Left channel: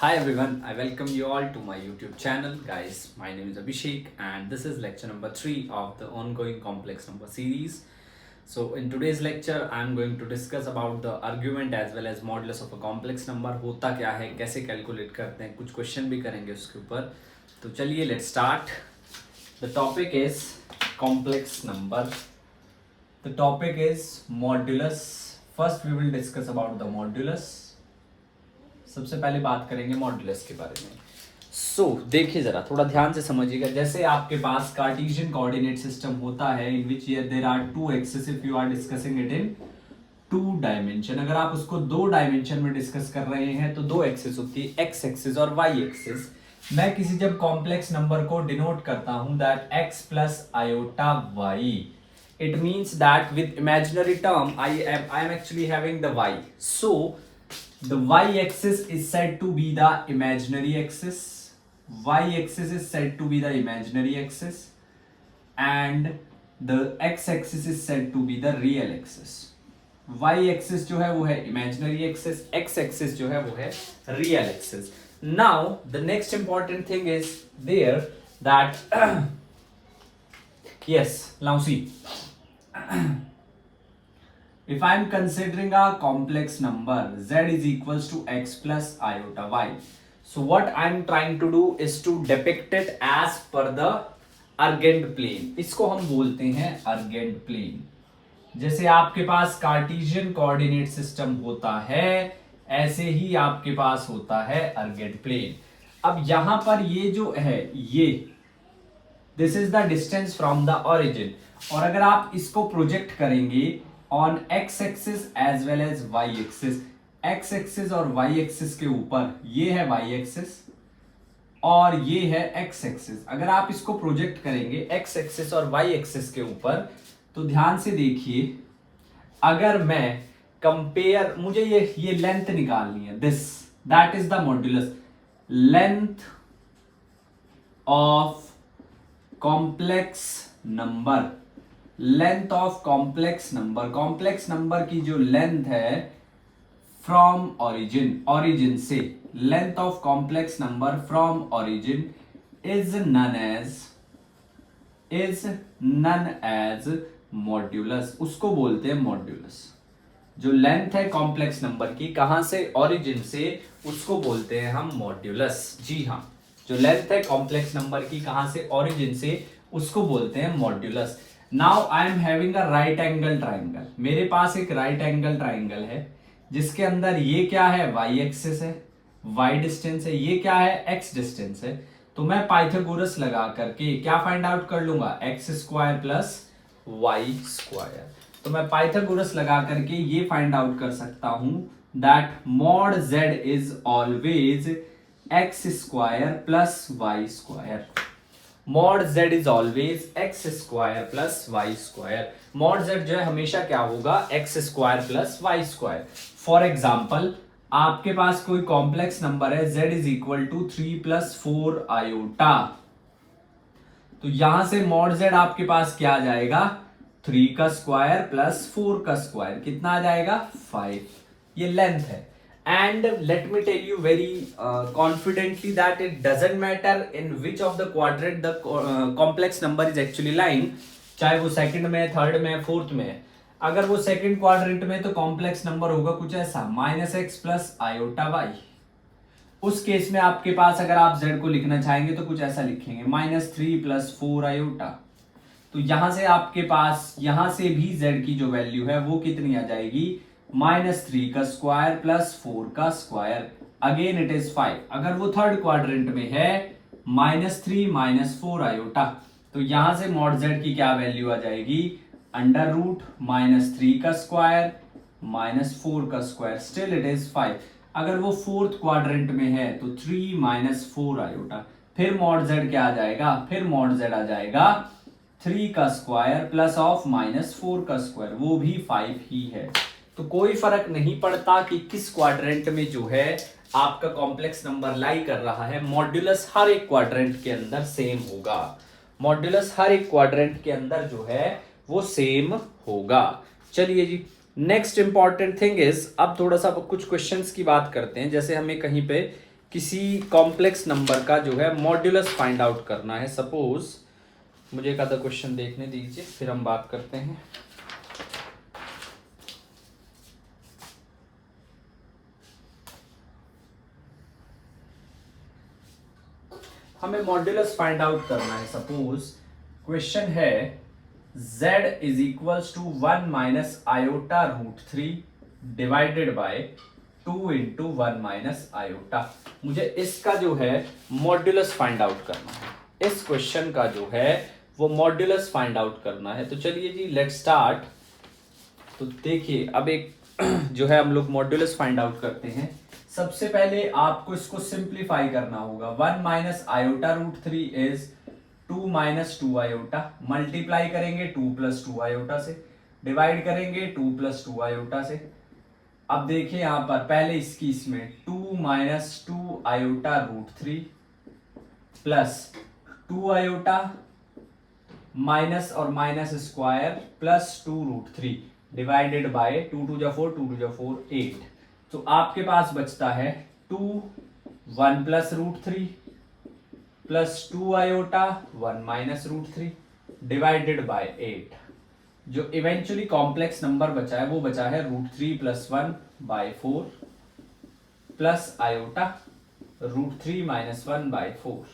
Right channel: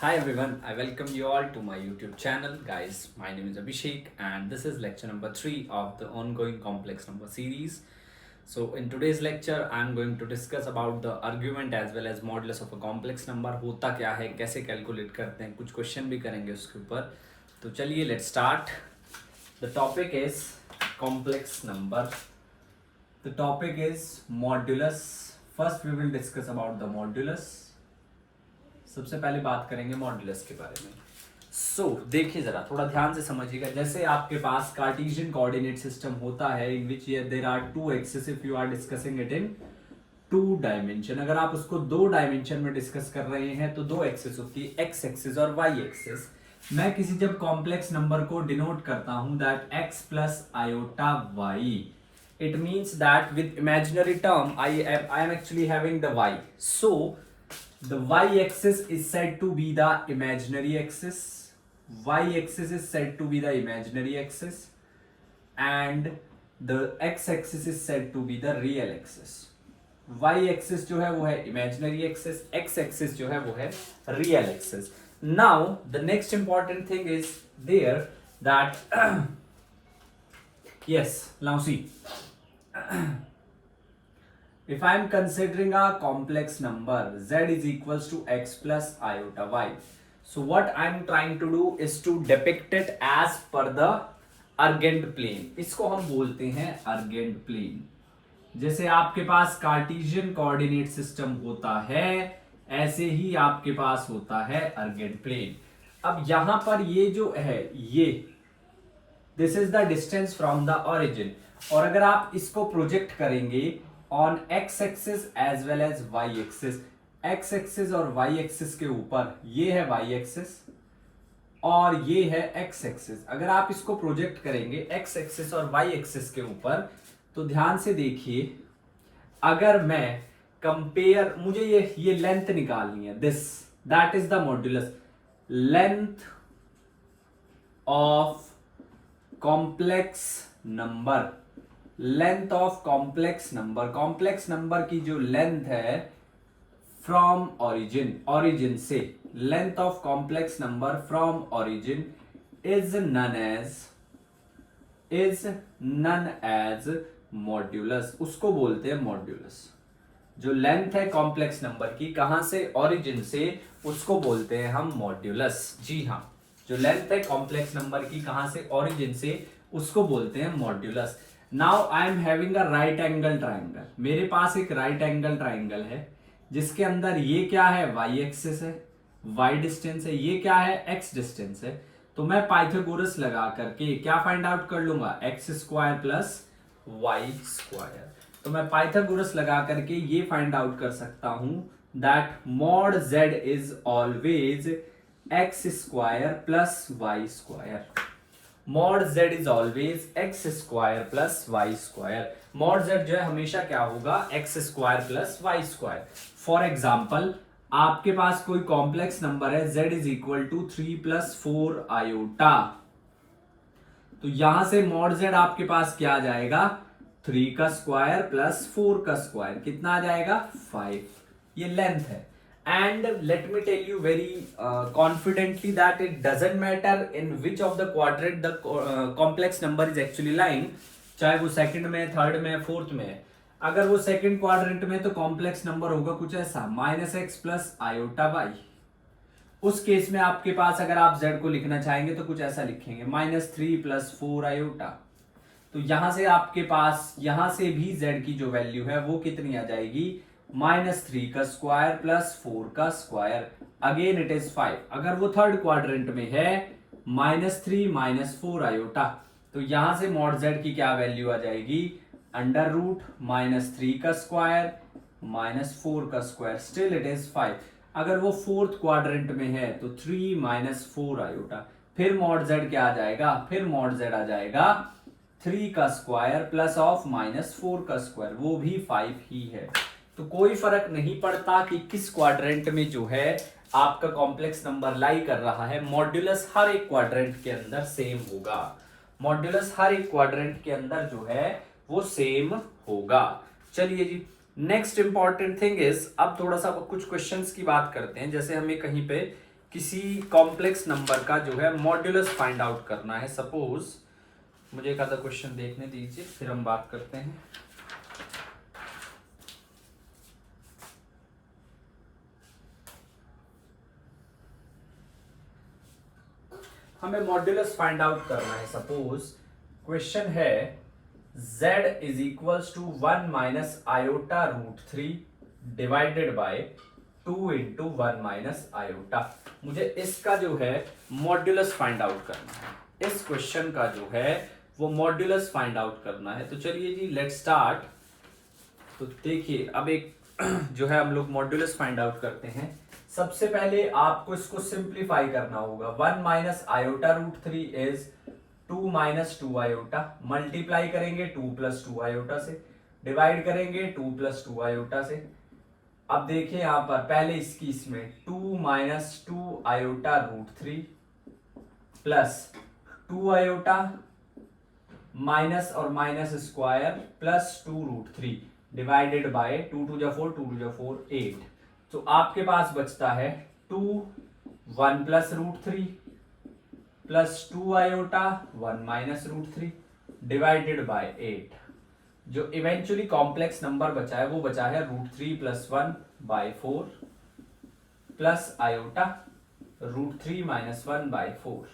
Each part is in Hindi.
Hi everyone, I welcome you all to my YouTube channel. Guys, my name is Abhishek and this is lecture number 3 of the ongoing complex number series. So in today's lecture, I am going to discuss about the argument as well as modulus of a complex number. होता क्या है, कैसे कैलकुलेट करते हैं, कुछ क्वेश्चन भी करेंगे उसके ऊपर. तो चलिए let's start. The topic is complex number. The topic is modulus. First we will discuss about the modulus. सबसे पहले बात करेंगे मॉड्यूलस के बारे में. देखिए जरा थोड़ा ध्यान से समझिएगा. जैसे आपके पास कार्टेशियन कोऑर्डिनेट सिस्टम होता है in which there are two axis if you are discussing it in two dimension. अगर आप उसको दो डायमेंशन में डिस्कस कर रहे हैं तो दो एक्सिस होती है, एक्स एक्सिस और वाई एक्सिस. मैं किसी जब कॉम्प्लेक्स नंबर को डिनोट करता हूं that X plus iota Y, it means that with imaginary term I am actually having the Y. So the y-axis is said to be the imaginary axis. Y-axis is said to be the imaginary axis, and the x-axis is said to be the real axis. Y-axis जो है वो है imaginary axis, x-axis जो है वो है real axis. Now the next important thing is there that yes, now see. If I am considering a complex number z is equals to x plus iota y, so what I am trying to do is to depict it as per the Argand plane. इसको हम बोलते हैं Argand plane. जैसे आपके पास कार्टेशियन कोऑर्डिनेट सिस्टम होता है ऐसे ही आपके पास होता है Argand plane. अब यहां पर ये जो है ये this is the distance from the origin, और अगर आप इसको प्रोजेक्ट करेंगे on x axis as well as y axis, x axis और y axis के ऊपर ये है y axis और ये है x axis. अगर आप इसको प्रोजेक्ट करेंगे x axis और y axis के ऊपर तो ध्यान से देखिए, अगर मैं कंपेयर, मुझे ये लेंथ निकालनी है, this that is the modulus length of complex number. Length of complex number, complex number की जो लेंथ है फ्रॉम ऑरिजिन, ऑरिजिन से, length of complex number from origin is known as modulus. उसको बोलते हैं मॉड्यूलस. जो लेंथ है कॉम्प्लेक्स नंबर की कहां से, ऑरिजिन से, उसको बोलते हैं हम मॉड्यूलस. जी हाँ, जो लेंथ है कॉम्प्लेक्स नंबर की कहां से, ऑरिजिन से, उसको बोलते हैं modulus. Now I am having a right angle triangle. मेरे पास एक राइट एंगल ट्राइंगल है जिसके अंदर ये क्या है, वाई एक्सिस है, वाई डिस्टेंस है, ये क्या है, एक्स डिस्टेंस है. तो मैं पाइथागोरस लगा करके क्या फाइंड आउट कर लूंगा, X square plus Y square. तो मैं पाइथागोरस लगा करके ये फाइंड आउट कर सकता हूं that mod Z is always X square plus Y square. Mod z is always X square plus Y square. Mod z जो है हमेशा क्या होगा, X square plus Y square. For example आपके पास कोई कॉम्प्लेक्स नंबर है z is equal to 3 plus 4 iota, तो यहां से मॉड z आपके पास क्या आ जाएगा, 3 का स्क्वायर प्लस 4 का स्क्वायर, कितना आ जाएगा, 5. ये लेंथ है. And let me tell you very confidently that it doesn't matter in which of the quadrant the complex number is actually lying, चाहे वो सेकंड में, थर्ड में, फोर्थ में. अगर वो सेकंड क्वाड्रेंट में तो कॉम्प्लेक्स नंबर होगा कुछ ऐसा, minus X plus iota Y. उस केस में आपके पास अगर आप z को लिखना चाहेंगे तो कुछ ऐसा लिखेंगे, माइनस 3 प्लस 4 आयोटा. तो यहां से आपके पास, यहां से भी z की जो वैल्यू है वो कितनी आ जाएगी, -3 का स्क्वायर प्लस 4 का स्क्वायर, अगेन इट इज 5. अगर वो थर्ड क्वाड्रेंट में है -3 -4 आयोटा, तो यहां से मॉड z की क्या वैल्यू आ जाएगी, अंडर रूट -3 का स्क्वायर -4 का स्क्वायर, स्टिल इट इज 5. अगर वो फोर्थ क्वाड्रेंट में है तो 3 -4 आयोटा, फिर मॉड z क्या आ जाएगा, फिर मॉड z आ जाएगा 3 का स्क्वायर प्लस ऑफ -4 का स्क्वायर, वो भी 5 ही है. तो कोई फर्क नहीं पड़ता कि किस क्वाड्रेंट में जो है आपका कॉम्प्लेक्स नंबर लाई कर रहा है, मॉड्यूलस हर एक क्वाड्रेंट के अंदर सेम होगा. मॉड्यूलस हर एक क्वाड्रेंट के अंदर जो है वो सेम होगा. चलिए जी, नेक्स्ट इंपॉर्टेंट थिंग इज, अब थोड़ा सा कुछ क्वेश्चंस की बात करते हैं. जैसे हमें कहीं पे किसी कॉम्प्लेक्स नंबर का जो है मॉड्यूलस फाइंड आउट करना है। सपोज मुझे एक आधा क्वेश्चन देखने दीजिए, फिर हम बात करते हैं। हमें मॉड्यूलस फाइंड आउट करना है। सपोज क्वेश्चन है z is equals to 1 minus iota root 3 divided by 2 into 1 minus iota. मुझे इसका जो है मॉड्यूलस फाइंड आउट करना है। इस क्वेश्चन का जो है वो मॉड्यूलस फाइंड आउट करना है। तो चलिए जी लेट स्टार्ट। तो देखिए अब एक जो है हम लोग मॉड्यूलस फाइंड आउट करते हैं। सबसे पहले आपको इसको सिंप्लीफाई करना होगा। 1 minus iota root 3 is 2 minus 2 iota, multiply करेंगे 2 प्लस 2 आयोटा से, डिवाइड करेंगे 2 प्लस 2 आयोटा से। अब देखिए यहां पर पहले इसकी इसमें 2 minus 2 iota root 3 plus 2 iota minus और minus square plus 2 root 3 divided by 2 टू जा 4, 2 टू जा 4 8। तो आपके पास बचता है 2 1 plus root 3 plus 2 iota 1 minus root 3 divided by 8। जो इवेंचुअली कॉम्प्लेक्स नंबर बचा है वो बचा है root 3 plus 1 by 4 plus iota root 3 minus 1 by 4।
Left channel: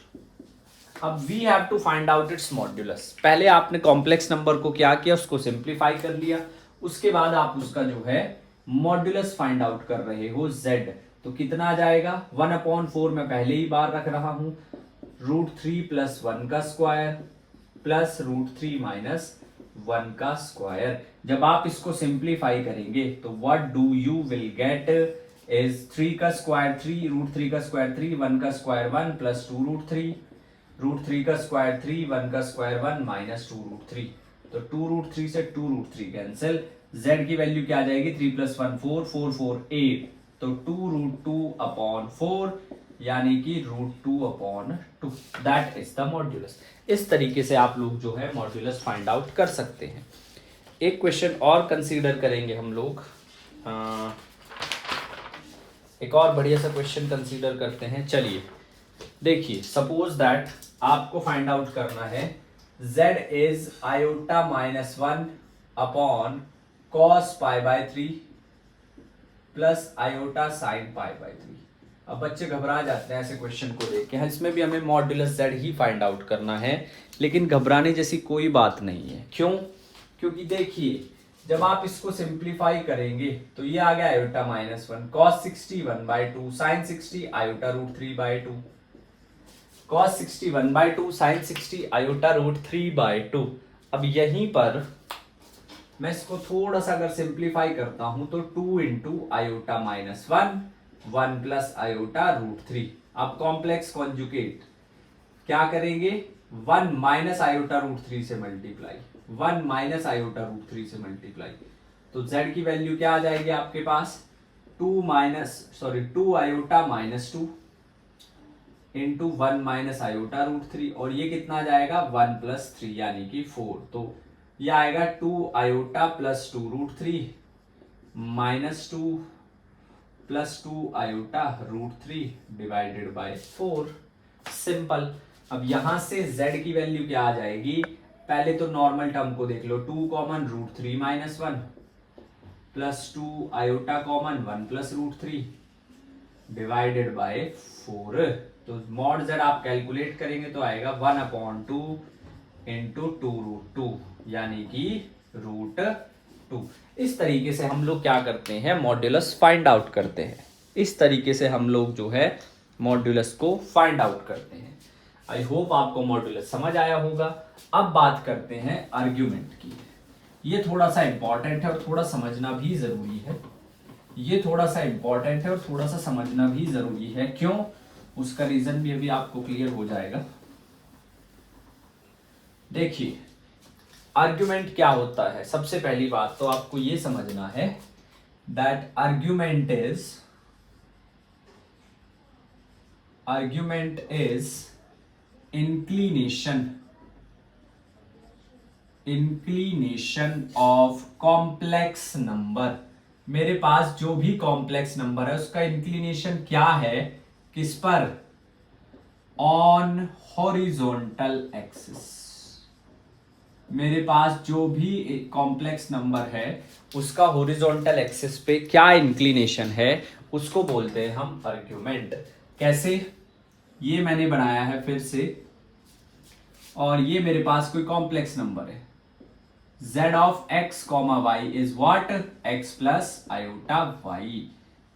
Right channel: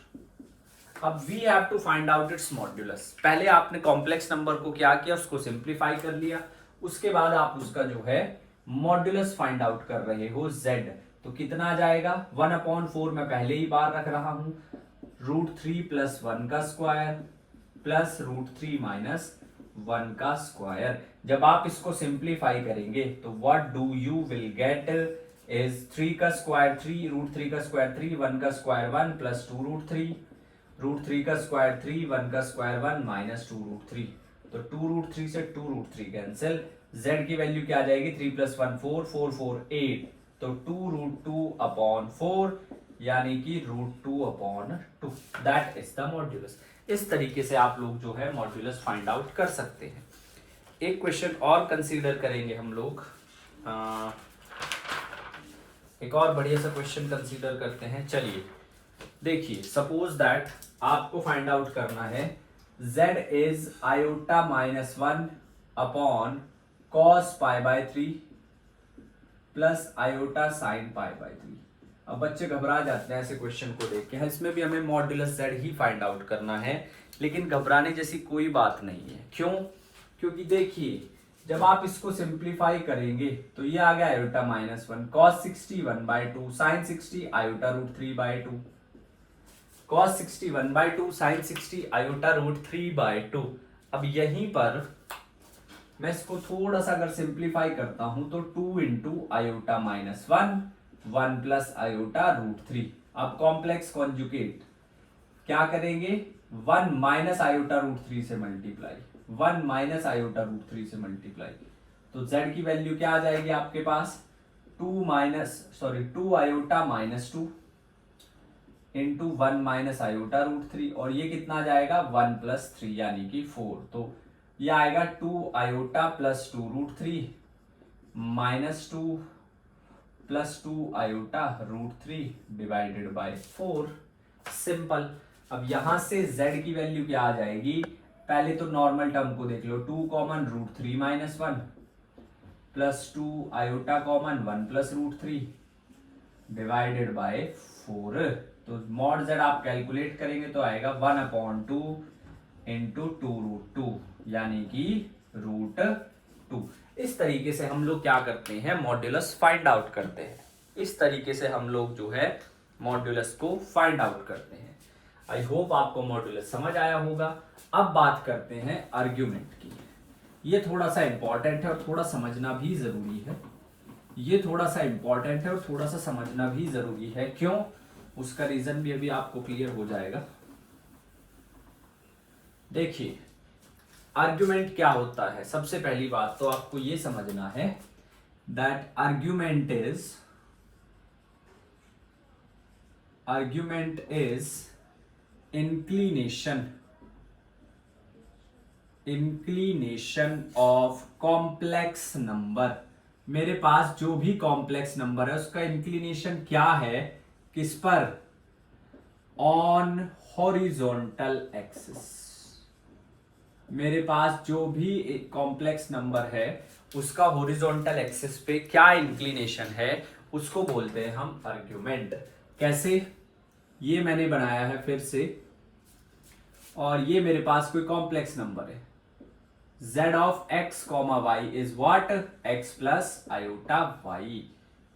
अब we have to find out its modulus. पहले आपने कॉम्प्लेक्स नंबर को क्या किया, उसको सिंप्लीफाई कर लिया, उसके बाद आप उसका जो है मॉड्यूलस फाइंड आउट कर रहे हो z। तो कितना आ जाएगा 1/4 मैं पहले ही बार रख रहा हूं, रूट 3 प्लस 1 का स्क्वायर प्लस रूट 3 माइनस 1 का स्क्वायर। जब आप इसको सिंप्लीफाई करेंगे तो what do you will get is 3 का स्क्वायर 3, रूट 3 का स्क्वायर 3, 1 का स्क्वायर 1 प्लस 2 रूट 3 का स्क्वायर 3, 1 का स्क्वायर 1 माइनस 2 रूट 3। तो 2 रूट 3 से 2 रूट 3 कैंसिल, z की वैल्यू क्या आ जाएगी 3 प्लस 1 4, 4 4 8। तो 2 रूट 2 अपॉन 4 यानी कि root 2 upon 2, that is the modulus. इस तरीके से आप लोग जो है मॉड्यूलस फाइंड आउट कर सकते हैं। एक क्वेश्चन और कंसीडर करेंगे हम लोग। एक और बढ़िया सा क्वेश्चन कंसीडर करते हैं। चलिए देखिए सपोज दैट आपको फाइंड आउट करना है z is iota minus 1 upon cos pi by 3 plus iota sine pi by 3। अब बच्चे घबरा जाते हैं ऐसे क्वेश्चन को देख के। इसमें भी हमें मॉड्यूलस z ही फाइंड आउट करना है, लेकिन घबराने जैसी कोई बात नहीं है। क्यों? क्योंकि देखिए जब आप इसको सिंप्लीफाई करेंगे तो ये आ गया iota minus 1 cos 60 1 by 2 sine 60 iota root 3 by 2, cos 60 1 by 2 sin 60 iota root 3 by 2। अब यहीं पर मैं इसको थोड़ा सा अगर सिंप्लीफाई करता हूं तो 2 into iota minus 1 1 plus iota root 3। अब कॉम्प्लेक्स कॉन्जुगेट क्या करेंगे 1 माइनस आयोटा रूट 3 से मल्टीप्लाई, 1 माइनस आयोटा रूट 3 से मल्टीप्लाई। तो z की वैल्यू क्या आ जाएगी आपके पास 2 iota minus 2 into 1 minus iota root 3, और ये कितना आ जाएगा 1 प्लस 3 यानी कि 4। तो ये आएगा 2 iota plus 2 root 3 minus 2 plus 2 iota root 3 divided by 4। Simple. अब यहां से z की वैल्यू क्या आ जाएगी, पहले तो नॉर्मल टर्म को देख लो, 2 common root 3 minus 1 plus 2 iota common 1 plus root 3 divided by 4। तो मॉड z आप कैलकुलेट करेंगे तो आएगा 1/2 इंटू 2 रूट 2 यानी कि रूट 2। इस तरीके से हम लोग क्या करते हैं मॉड्यूलस फाइंड आउट करते हैं। इस तरीके से हम लोग जो है मॉड्यूलस को फाइंड आउट करते हैं। आई होप आपको मॉड्यूलस समझ आया होगा। अब बात करते हैं आर्ग्यूमेंट की। ये थोड़ा सा इंपॉर्टेंट है और थोड़ा समझना भी जरूरी है। ये थोड़ा सा इंपॉर्टेंट है और थोड़ा सा समझना भी जरूरी है। क्यों? उसका रीजन भी अभी आपको क्लियर हो जाएगा। देखिए आर्ग्यूमेंट क्या होता है। सबसे पहली बात तो आपको ये समझना है that argument is inclination of complex number. मेरे पास जो भी कॉम्प्लेक्स नंबर है उसका इंक्लिनेशन क्या है किस पर? On horizontal axis. मेरे पास जो भी कॉम्प्लेक्स नंबर है उसका हॉरिजॉन्टल एक्सिस पे क्या इंक्लिनेशन है उसको बोलते हैं हम आर्ग्यूमेंट। कैसे? ये मैंने बनाया है फिर से, और ये मेरे पास कोई कॉम्प्लेक्स नंबर है। z of x comma y is what? x plus iota y।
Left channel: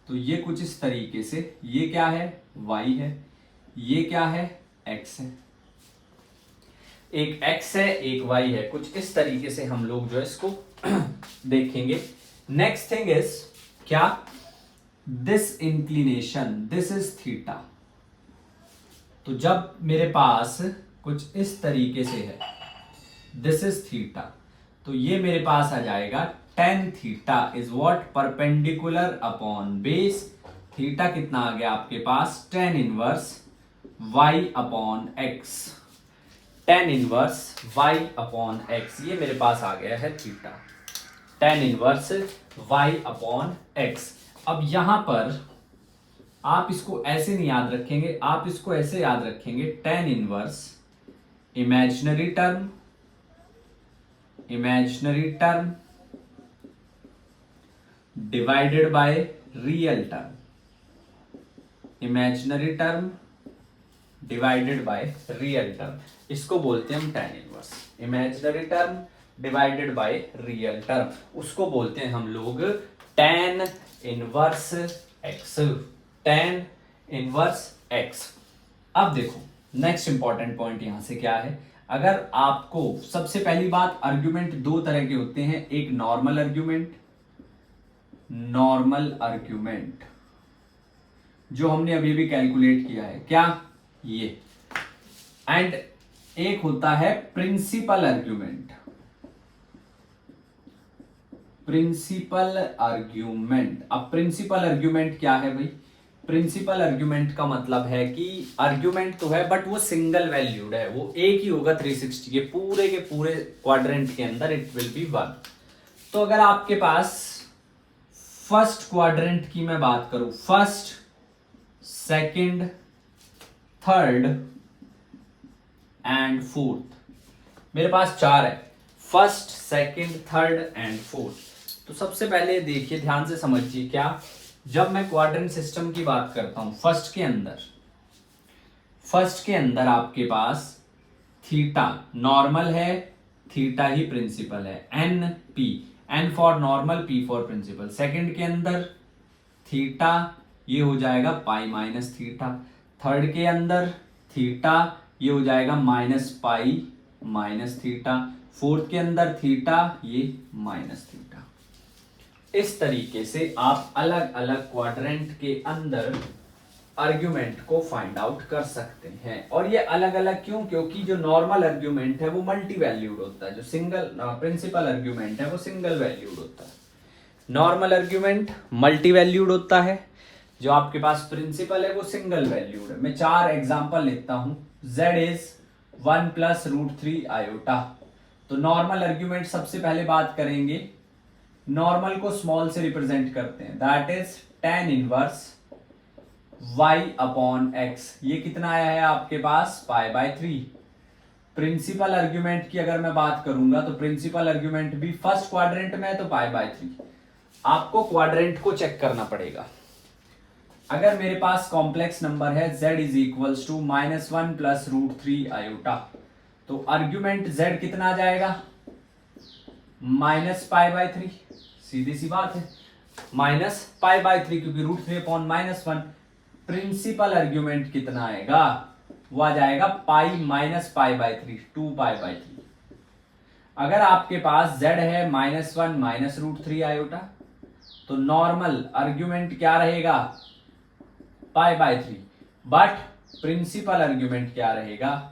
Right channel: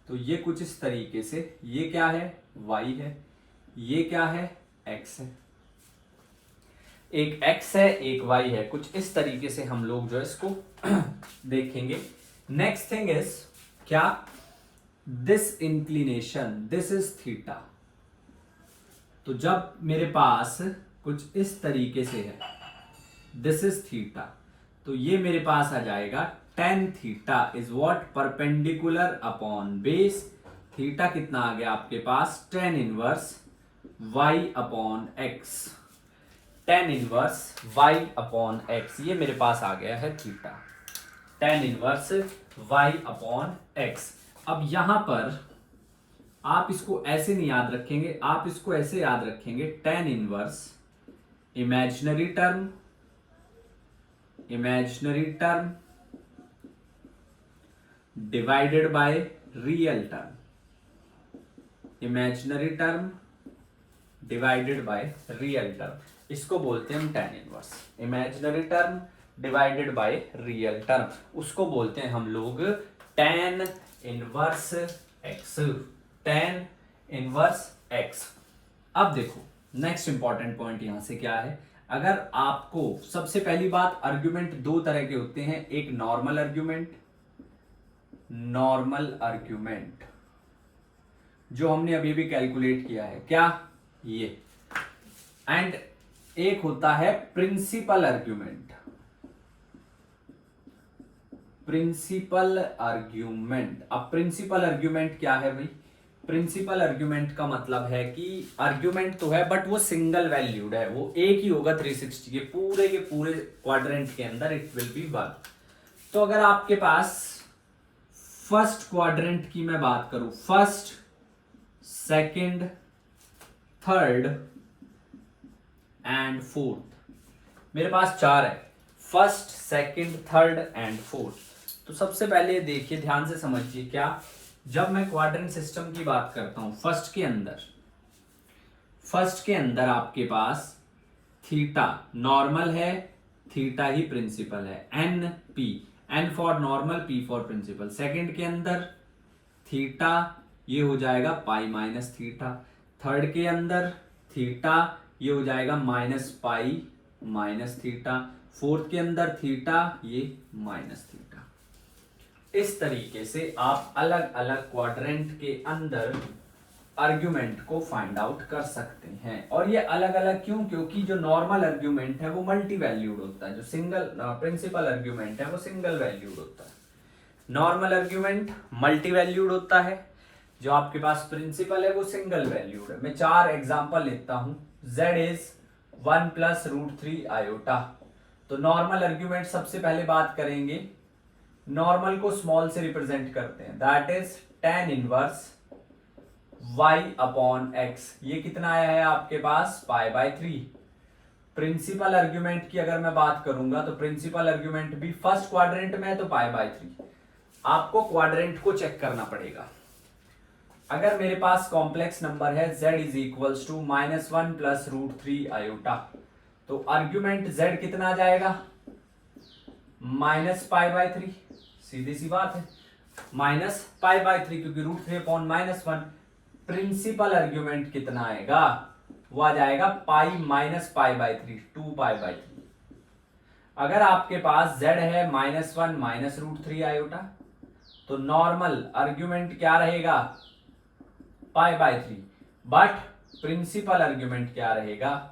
तो ये कुछ इस तरीके से, ये क्या है? y है, ये क्या है? x है। एक x है, एक y है। कुछ इस तरीके से हम लोग जो है इसको देखेंगे। नेक्स्ट थिंग इज क्या? This inclination, this is theta. तो जब मेरे पास कुछ इस तरीके से है, दिस इज थीटा, तो ये मेरे पास आ जाएगा tan theta is what? Perpendicular upon base. Theta कितना आ गया आपके पास? tan inverse y upon x। tan inverse y upon x, ये मेरे पास आ गया है theta. tan inverse y upon x। अब यहां पर आप इसको ऐसे नहीं याद रखेंगे, आप इसको ऐसे याद रखेंगे, tan inverse imaginary term divided by real term. Imaginary term divided by real term, इसको बोलते हैं हम tan inverse. Imaginary term divided by real term, उसको बोलते हैं हम लोग tan inverse x। tan inverse x। अब देखो नेक्स्ट इंपॉर्टेंट पॉइंट यहां से क्या है? अगर आपको, सबसे पहली बात, आर्ग्यूमेंट दो तरह के होते हैं, एक नॉर्मल आर्ग्यूमेंट जो हमने अभी भी कैलकुलेट किया है, क्या? ये। एंड एक होता है प्रिंसिपल आर्ग्यूमेंट। अब प्रिंसिपल आर्ग्यूमेंट क्या है भाई? प्रिंसिपल आर्ग्यूमेंट का मतलब है कि आर्ग्यूमेंट तो है बट वो सिंगल वैल्यूड है, वो एक ही होगा 360 के पूरे क्वाड्रेंट के अंदर, इट विल बी 1। तो अगर आपके पास फर्स्ट क्वाड्रेंट की मैं बात करूं, first, second, third and fourth, मेरे पास 4 है, first, second, third and fourth. तो सबसे पहले देखिए, ध्यान से समझिए, क्या जब मैं क्वाड्रेंट सिस्टम की बात करता हूं, फर्स्ट के अंदर आपके पास थीटा नॉर्मल है, थीटा ही प्रिंसिपल है, N P, N for normal, P for principal. Second के अंदर थीटा, ये हो जाएगा पाई माइनस थीटा। थर्ड के अंदर थीटा, ये हो जाएगा minus pi minus theta. Fourth के अंदर थीटा, ये माइनस थीटा। इस तरीके से आप अलग अलग क्वाड्रेंट के अंदर आर्ग्यूमेंट को फाइंड आउट कर सकते हैं। और ये अलग अलग क्यों? क्योंकि जो नॉर्मल आर्ग्यूमेंट है वो मल्टी वैल्यूड होता है, जो सिंगल प्रिंसिपल आर्ग्यूमेंट है वो सिंगल वैल्यूड होता है। नॉर्मल आर्ग्यूमेंट मल्टी वैल्यूड होता है, जो आपके पास प्रिंसिपल है वो सिंगल वैल्यूड है। मैं 4 एग्जांपल लिखता हूं। z is 1 plus √3 iota. तो नॉर्मल आर्ग्यूमेंट सबसे पहले बात करेंगे, नॉर्मल को स्मॉल से रिप्रेजेंट करते हैं, that is tan inverse y upon x। ये कितना आया है आपके पास? π/3। प्रिंसिपल आर्ग्यूमेंट की अगर मैं बात करूंगा तो प्रिंसिपल आर्ग्यूमेंट भी फर्स्ट क्वाड्रेंट में है तो π/3। आपको क्वाड्रेंट को चेक करना पड़ेगा। अगर मेरे पास कॉम्प्लेक्स नंबर है z is equals to -1 plus √3 iota, तो आर्ग्यूमेंट z कितना आ जाएगा? -π/3। सीधी सी बात है, -π/3, क्योंकि √3 अपॉन -1। प्रिंसिपल आर्ग्यूमेंट कितना आएगा? वो आ जाएगा पाई माइनस π/3, 2π/3। अगर आपके पास z है -1 माइनस √3 आयोटा, तो नॉर्मल आर्ग्यूमेंट क्या रहेगा? π/3। बट प्रिंसिपल आर्ग्यूमेंट क्या रहेगा?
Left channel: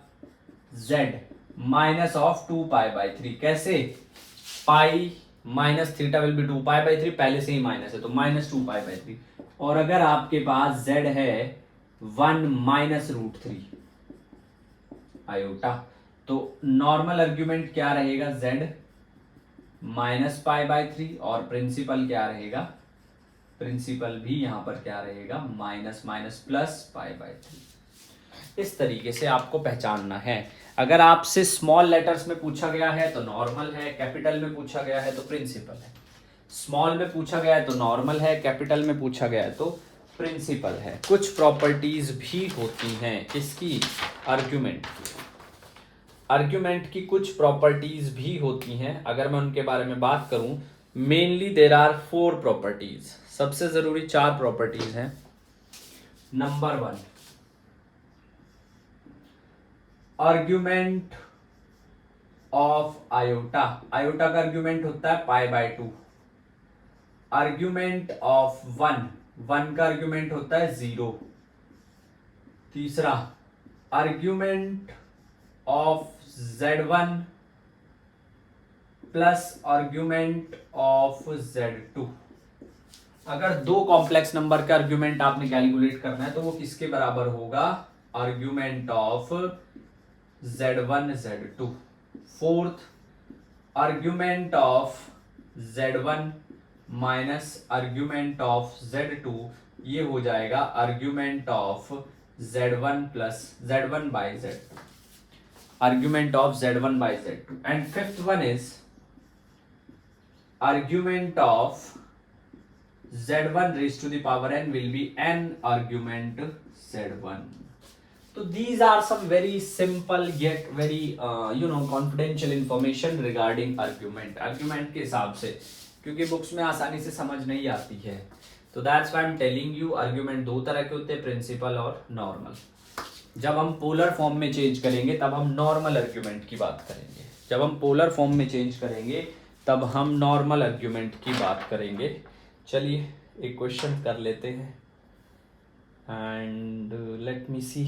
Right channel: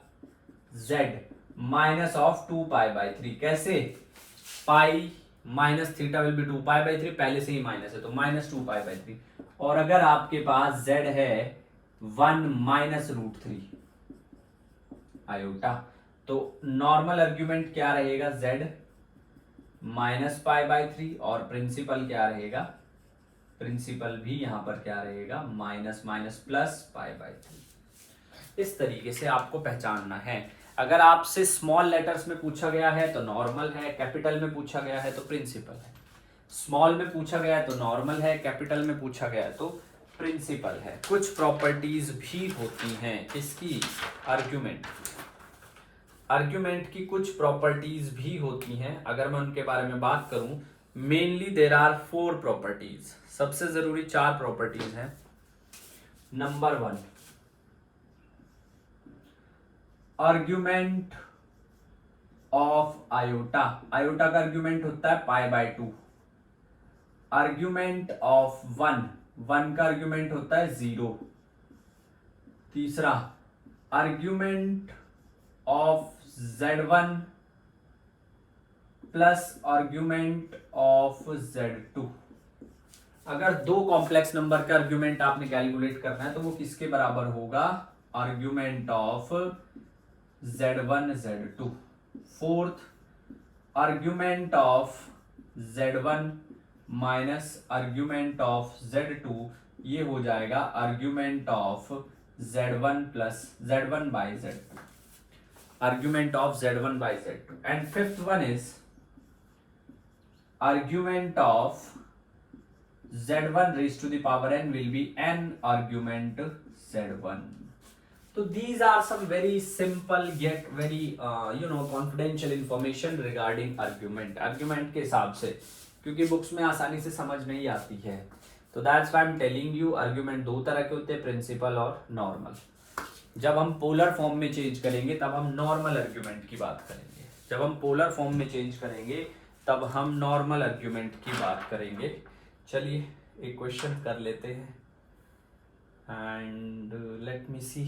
z minus of 2π/3। कैसे? Pi minus theta will be 2π/3, पहले से ही माइनस है तो -2π/3। और अगर आपके पास z है 1 माइनस √3 आयोटा, तो नॉर्मल आर्ग्यूमेंट क्या रहेगा? z -π/3 और प्रिंसिपल क्या रहेगा? प्रिंसिपल भी यहाँ पर क्या रहेगा, माइनस माइनस प्लस π/3। इस तरीके से आपको पहचानना है। अगर आपसे स्मॉल लेटर्स में पूछा गया है तो नॉर्मल है, कैपिटल में पूछा गया है तो प्रिंसिपल है। स्मॉल में पूछा गया है तो नॉर्मल है, कैपिटल में पूछा गया है तो प्रिंसिपल है। कुछ प्रॉपर्टीज भी होती हैं इसकी, आर्ग्यूमेंट की कुछ प्रॉपर्टीज भी होती हैं। अगर मैं उनके बारे में बात करूं, मेनली देयर आर 4 प्रॉपर्टीज। सबसे जरूरी 4 प्रॉपर्टीज हैं। Number 1, argument of iota. Iota का आर्ग्यूमेंट होता है π/2। आर्ग्यूमेंट ऑफ 1 का आर्ग्यूमेंट होता है 0। तीसरा, argument of Z1 plus argument of Z2। अगर 2 कॉम्प्लेक्स नंबर का आर्ग्यूमेंट आपने कैलकुलेट करना है तो वो किसके बराबर होगा, argument of Z1 Z2। Fourth, argument of Z1 minus argument of Z2, ये हो जाएगा argument of Z1 plus Z1/Z2, argument of Z1 by Z2। And fifth one is argument of Z1 raised to the power n will be n argument Z1। तो these are some very simple yet very confidential information regarding argument। argument के हिसाब से, क्योंकि बुक्स में आसानी से समझ नहीं आती है, तो that's why I'm telling you argument 2 तरह के होते हैं, प्रिंसिपल और नॉर्मल। जब हम पोलर फॉर्म में चेंज करेंगे तब हम नॉर्मल आर्ग्यूमेंट की बात करेंगे, जब हम पोलर फॉर्म में चेंज करेंगे तब हम नॉर्मल आर्ग्यूमेंट की बात करेंगे। चलिए एक क्वेश्चन कर लेते हैं एंड लेट मी सी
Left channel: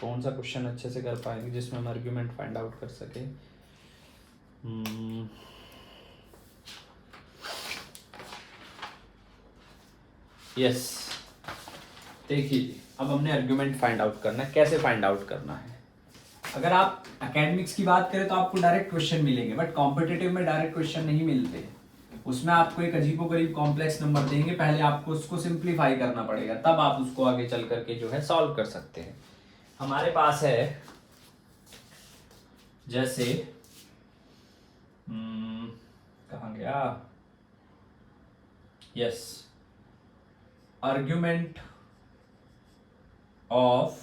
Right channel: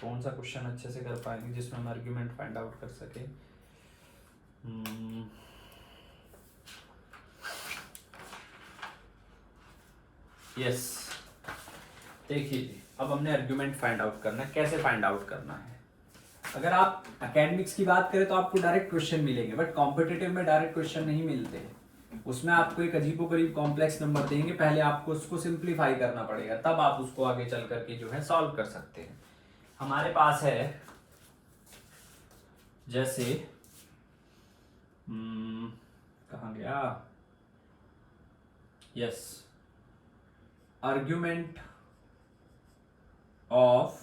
कौन सा क्वेश्चन अच्छे से कर पाएंगे जिसमें हम आर्ग्यूमेंट फाइंड आउट कर सके। यस, देखिए अब हमने आर्ग्यूमेंट फाइंड आउट करना है। कैसे फाइंड आउट करना है, अगर आप एकेडमिक्स की बात करें तो आपको डायरेक्ट क्वेश्चन मिलेंगे, बट कॉम्पिटिटिव में डायरेक्ट क्वेश्चन नहीं मिलते। उसमें आपको एक अजीबोगरीब कॉम्प्लेक्स नंबर देंगे, पहले आपको उसको सिंप्लीफाई करना पड़ेगा, तब आप उसको आगे चल करके जो है सॉल्व कर सकते हैं। हमारे पास है जैसे कहाँ गया, yes, argument of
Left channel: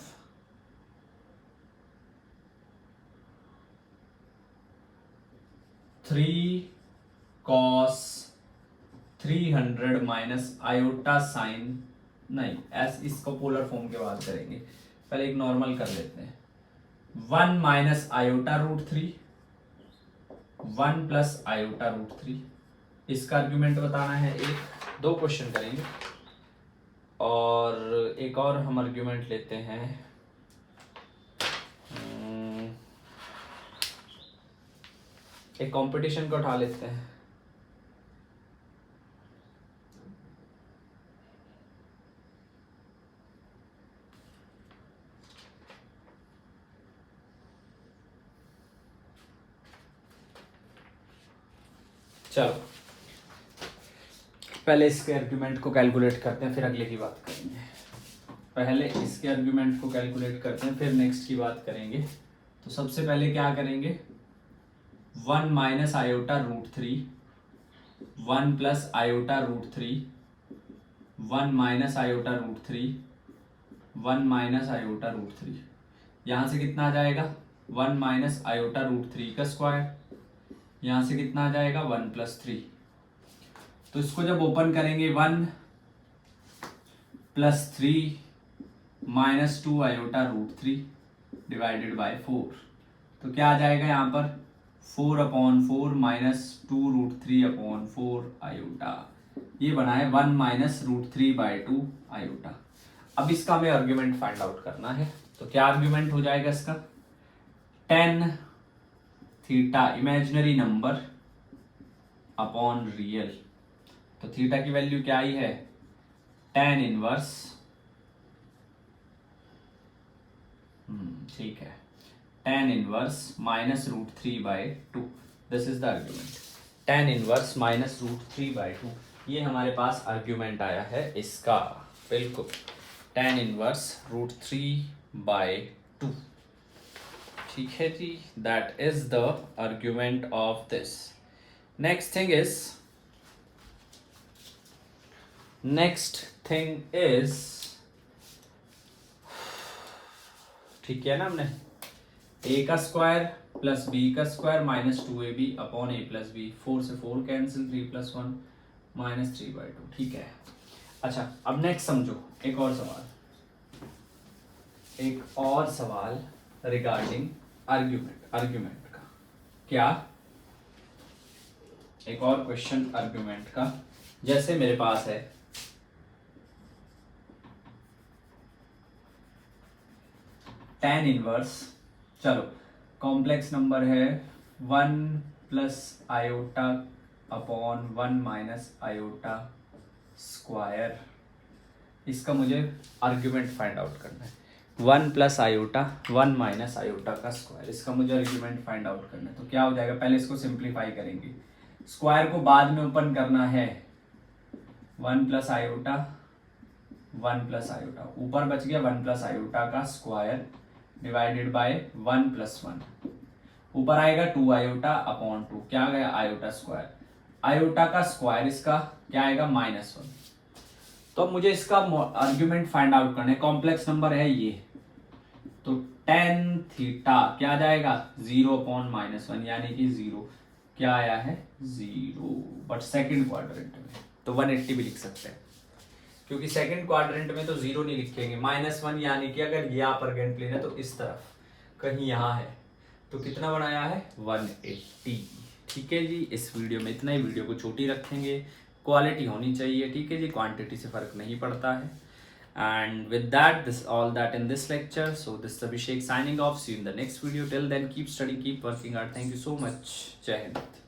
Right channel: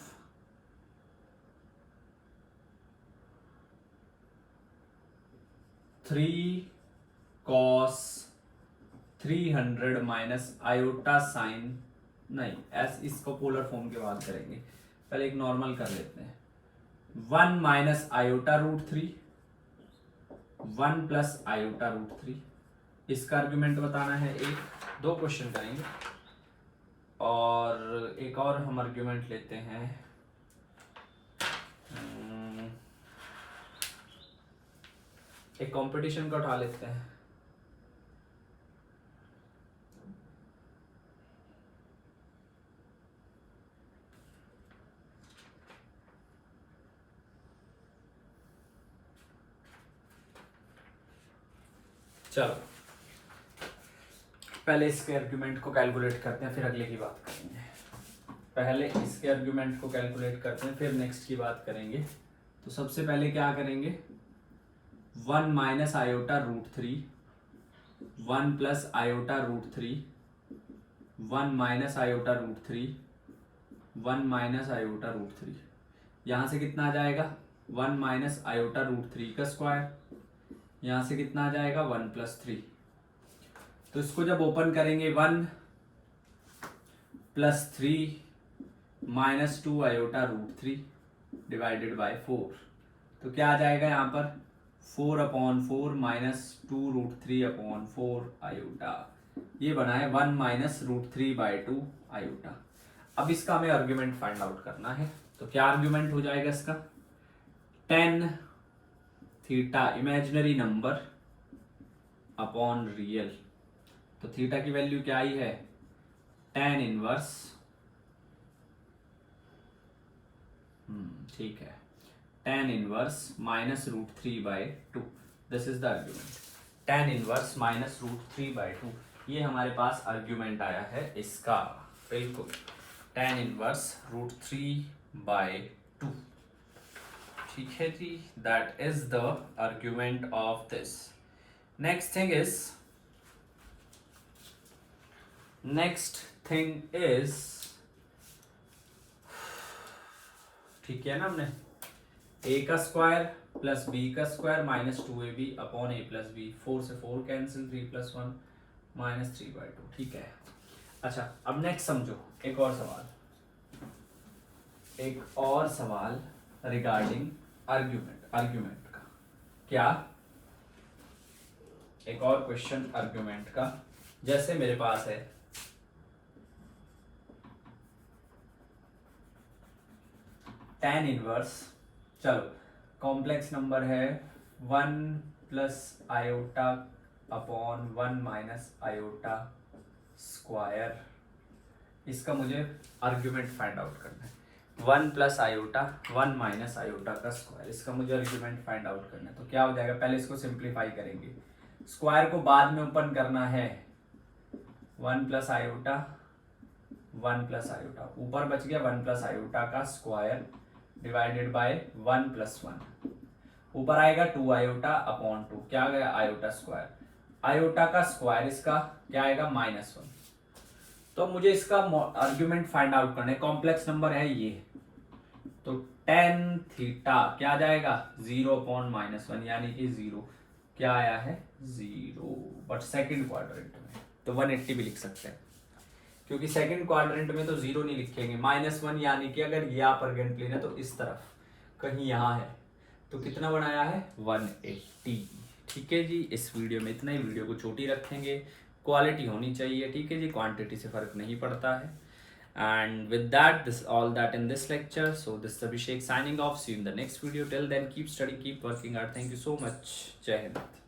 three cos 300 minus iota sine, नहीं एस, इसको पोलर फॉर्म के बाद करेंगे, पहले एक नॉर्मल कर लेते हैं। 1 minus iota root 3, 1 plus iota root 3, इसका आर्ग्यूमेंट बताना है। एक 2 क्वेश्चन करेंगे और एक और हम आर्ग्यूमेंट लेते हैं। एक कंपटीशन को उठा लेते हैं। चलो पहले इसके आर्ग्यूमेंट को कैलकुलेट करते हैं, फिर अगले की बात करेंगे। पहले इसके आर्ग्यूमेंट को कैलकुलेट करते हैं, फिर नेक्स्ट की बात करेंगे। तो सबसे पहले क्या करेंगे, 1 minus iota root 3, 1 plus iota root 3, 1 minus iota root 3, 1 minus iota root 3। यहाँ से कितना आ जाएगा, 1 माइनस आयोटा रूट 3 का स्क्वायर, यहाँ से कितना आ जाएगा 1 प्लस 3। तो इसको जब ओपन करेंगे 1 plus 3 minus 2 iota root 3 divided by 4, तो क्या आ जाएगा यहाँ पर 4/4 माइनस 2 रूट 3/4 आयोटा, ये बना है 1 माइनस रूट 3/2 आयोटा। अब इसका हमें आर्ग्यूमेंट फाइंड आउट करना है, तो क्या आर्ग्यूमेंट हो जाएगा इसका, tan theta imaginary number upon real. तो थीटा की वैल्यू क्या आई है, tan इनवर्स, ठीक है, tan inverse minus root 3/2, this is the argument, tan inverse minus root 3/2। ये हमारे पास आर्ग्यूमेंट आया है इसका, बिल्कुल tan इनवर्स √3/2। ठीक है जी, that is the argument of this. Next thing is ठीक है ना, हमने a का स्क्वायर प्लस b का square minus 2ab upon a plus B, 4 से 4 कैंसिल, 3 + 1 -3/2। ठीक है। अच्छा, अब नेक्स्ट समझो एक और सवाल रिगार्डिंग आर्ग्यूमेंट का। क्या? एक और क्वेश्चन आर्ग्यूमेंट का। जैसे मेरे पास है tan इनवर्स, चलो कॉम्प्लेक्स नंबर है 1 + आयोटा अपॉन 1 - आयोटा स्क्वायर। इसका मुझे आर्ग्यूमेंट फाइंड आउट करना है। 1 + आयोटा 1 - आयोटा का स्क्वायर, इसका मुझे आर्ग्यूमेंट फाइंड आउट करना है। तो क्या हो जाएगा, पहले इसको सिंप्लीफाई करेंगे, स्क्वायर को बाद में ओपन करना है। 1 + आयोटा 1 + आयोटा, ऊपर बच गया 1 + आयोटा का स्क्वायर डिवाइडेड बाय 1 + 1, ऊपर आएगा 2 आयोटा अपॉन 2, क्या गया आयोटा स्क्वायर, आयोटा का स्क्वायर इसका क्या आएगा -1। तो मुझे इसका आर्ग्यूमेंट फाइंड आउट करना है, कॉम्प्लेक्स नंबर है ये, तो tan थीटा क्या आ जाएगा 0/-1, यानी कि 0, क्या आया है 0, बट सेकंड क्वाड्रेंट में, तो 180 भी लिख सकते हैं, क्योंकि सेकंड क्वाड्रेंट में तो 0 नहीं लिखेंगे, -1 यानी कि अगर ये अपर गेन प्लेन है तो इस तरफ कहीं यहाँ है, तो कितना बनाया है 180। ठीक है जी, इस वीडियो में इतना ही, वीडियो को छोटी रखेंगे, क्वालिटी होनी चाहिए। ठीक है जी, क्वांटिटी से फर्क नहीं पड़ता है। And with that, this all that in this lecture. So this is Abhishek signing off. See you in the next video. Till then, keep studying, keep working hard. Thank you so much. Jai Hind.